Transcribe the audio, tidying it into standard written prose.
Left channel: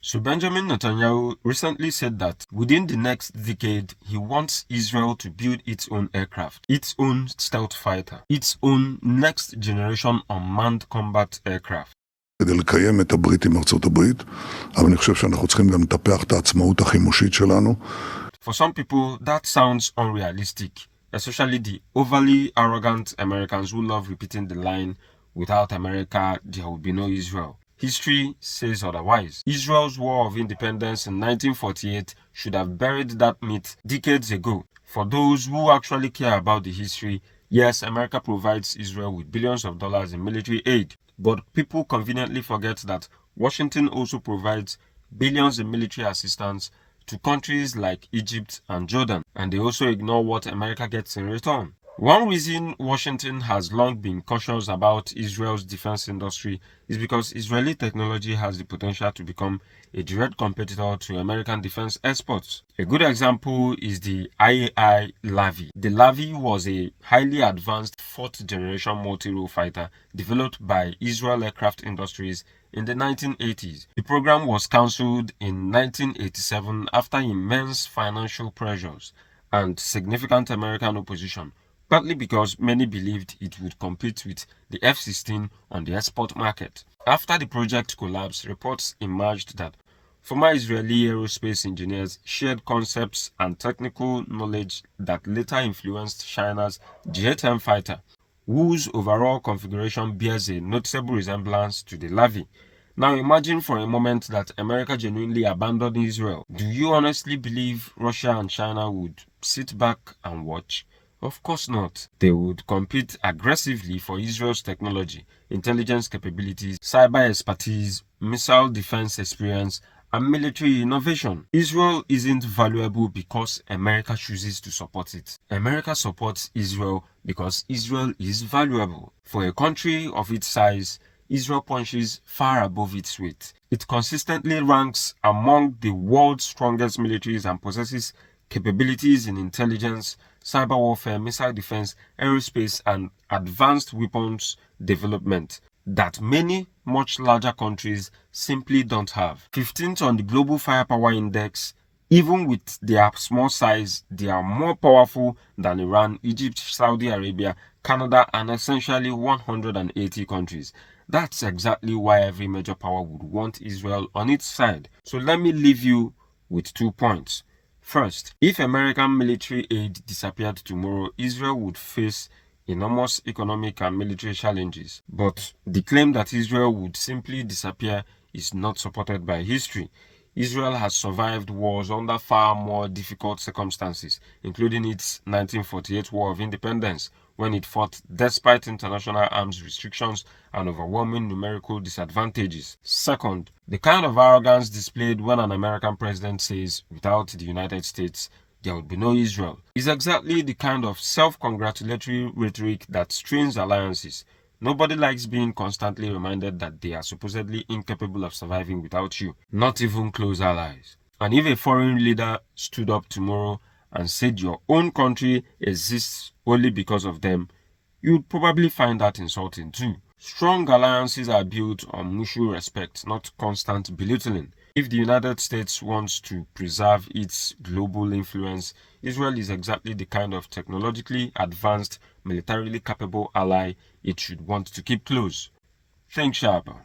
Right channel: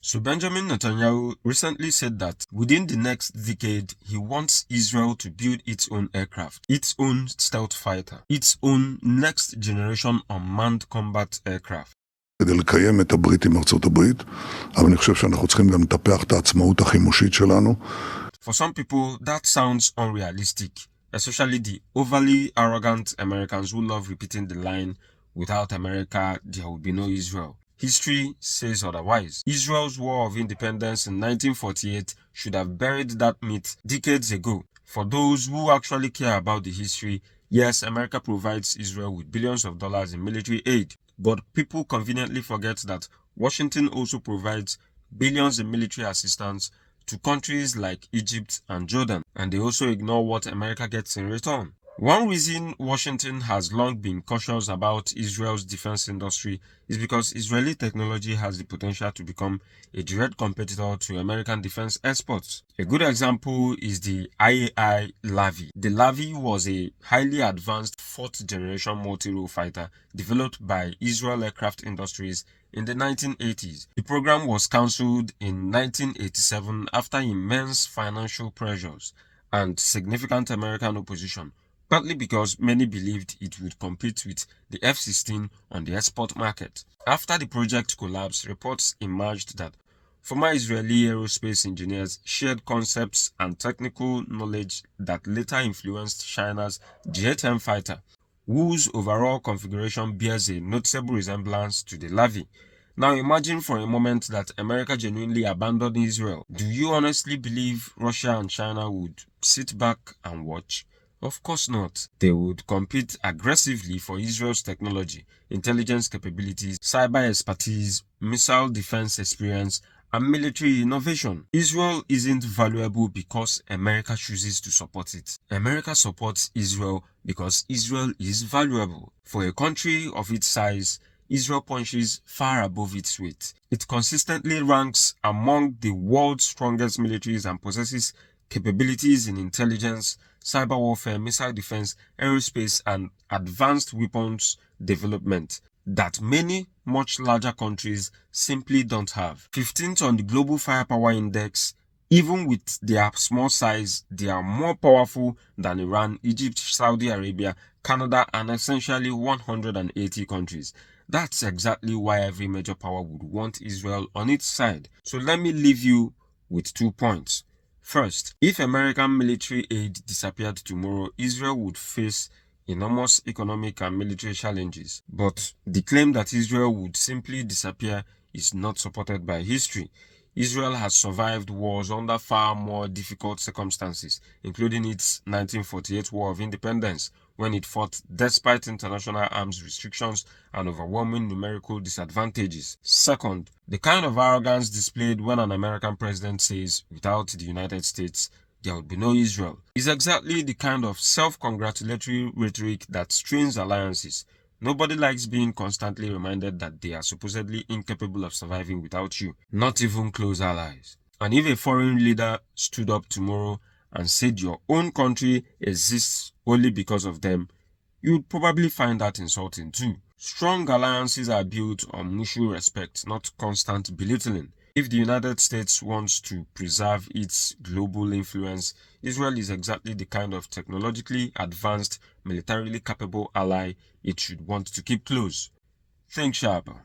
So Benjamin Netanyahu recently said that within the next decade, he wants Israel to build its own aircraft, its own stealth fighter, its own next generation unmanned combat aircraft. כדי לקיים את הברית עם ארצות הברית, אבל אני חושב שאנחנו צריכים גם לטפח את העצמאות החימושית שלנו. For some people, that sounds unrealistic, especially the overly arrogant Americans who love repeating the line, without America, there will be no Israel. History says otherwise. Israel's War of Independence in 1948 should have buried that myth decades ago. For those who actually care about the history, yes, America provides Israel with billions of dollars in military aid, but people conveniently forget that Washington also provides billions in military assistance to countries like Egypt and Jordan, and they also ignore what America gets in return. One reason Washington has long been cautious about Israel's defense industry is because Israeli technology has the potential to become a direct competitor to American defense exports. A good example is the IAI Lavi. The Lavi was a highly advanced fourth-generation multi-role fighter developed by Israel Aircraft Industries in the 1980s. The program was cancelled in 1987 after immense financial pressures and significant American opposition, partly because many believed it would compete with the F-16 on the export market. After the project collapsed, reports emerged that former Israeli aerospace engineers shared concepts and technical knowledge that later influenced China's J-10 fighter, whose overall configuration bears a noticeable resemblance to the Lavi. Now imagine for a moment that America genuinely abandoned Israel. Do you honestly believe Russia and China would sit back and watch? Of course not. They would compete aggressively for Israel's technology, intelligence capabilities, cyber expertise, missile defense experience, and military innovation. Israel isn't valuable because America chooses to support it. America supports Israel because Israel is valuable. For a country of its size, Israel punches far above its weight. It consistently ranks among the world's strongest militaries and possesses capabilities in intelligence, cyber warfare, missile defense, aerospace, and advanced weapons development that many much larger countries simply don't have. 15th on the Global Firepower Index, even with their small size, they are more powerful than Iran, Egypt, Saudi Arabia, Canada, and essentially 180 countries. That's exactly why every major power would want Israel on its side. So let me leave you with 2 points. First, if American military aid disappeared tomorrow, Israel would face enormous economic and military challenges. But the claim that Israel would simply disappear is not supported by history. Israel has survived wars under far more difficult circumstances, including its 1948 War of Independence, when it fought despite international arms restrictions and overwhelming numerical disadvantages. Second, the kind of arrogance displayed when an American president says, without the United States, there would be no Israel, is exactly the kind of self-congratulatory rhetoric that strains alliances. Nobody likes being constantly reminded that they are supposedly incapable of surviving without you, not even close allies. And if a foreign leader stood up tomorrow and said your own country exists only because of them, you'd probably find that insulting too. Strong alliances are built on mutual respect, not constant belittling. If the United States wants to preserve its global influence, Israel is exactly the kind of technologically advanced, militarily capable ally it should want to keep close. Think sharper.